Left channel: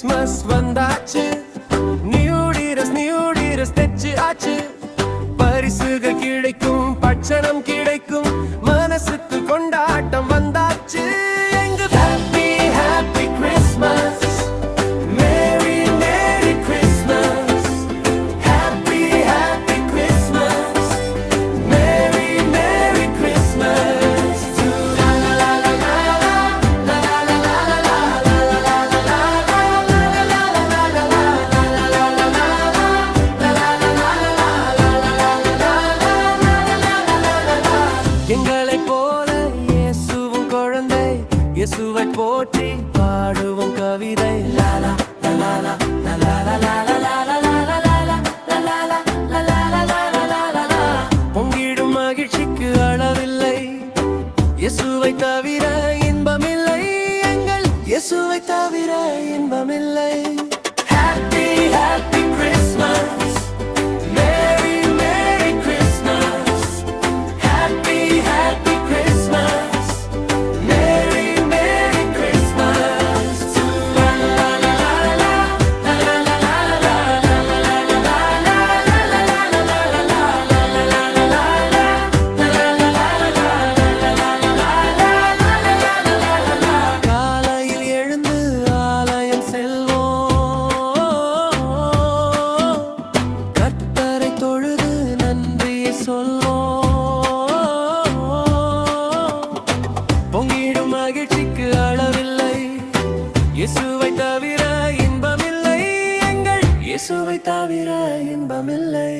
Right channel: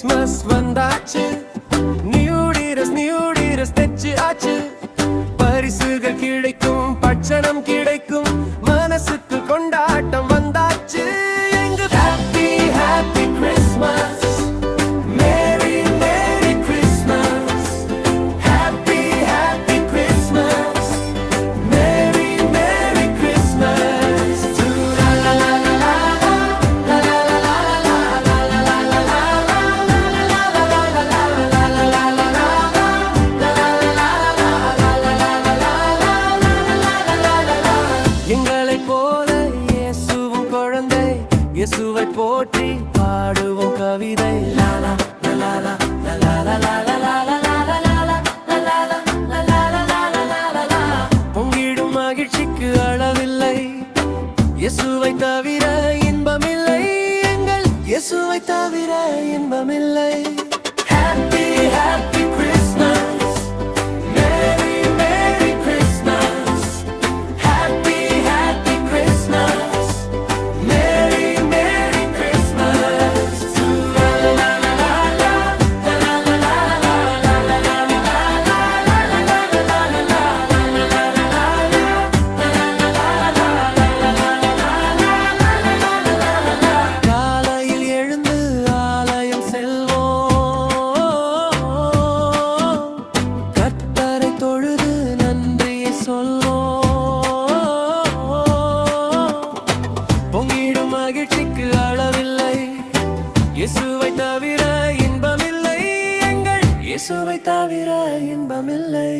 Christmas வந்தாச்சு, new dress தைச்சு ஆச்சு, பரிசுகள் கிடைக்கும், பட்சணம் கிடைக்கும், மனசுக்கு கொண்டாட்டம் வந்தாச்சு. எங்க happy happy Christmas, merry merry Christmas, happy happy Christmas, merry merry Christmas. La la la la la la la la எங்களைப் போல இயேசுவும் குழந்தை, இயேசுவை போற்றி பாடுவோம் கவிதை. லாலா லாலா லாலா லாலா பொங்கிடும் மகிழ்ச்சிக்கு அளவில்லை, இயேசுவை தவிர இன்பமில்லை, எங்கள் இயேசுவை தவிர இன்பமில்லை. Happy happy Christmas, merry merry Christmas, happy happy Christmas, merry merry Christmas. La la la la la la la la la la la காலையில் எழுந்து ஆலயம் செல்வோம், கர்த்தரை தொழுது நன்றியை சொல்வோம். பொங்கிடும் மகிழ்ச்சிக்கு அளவில்லை, இயேசுவை தவிர இன்பமில்லை, எங்கள் இயேசுவை தவிர இன்பமில்லை.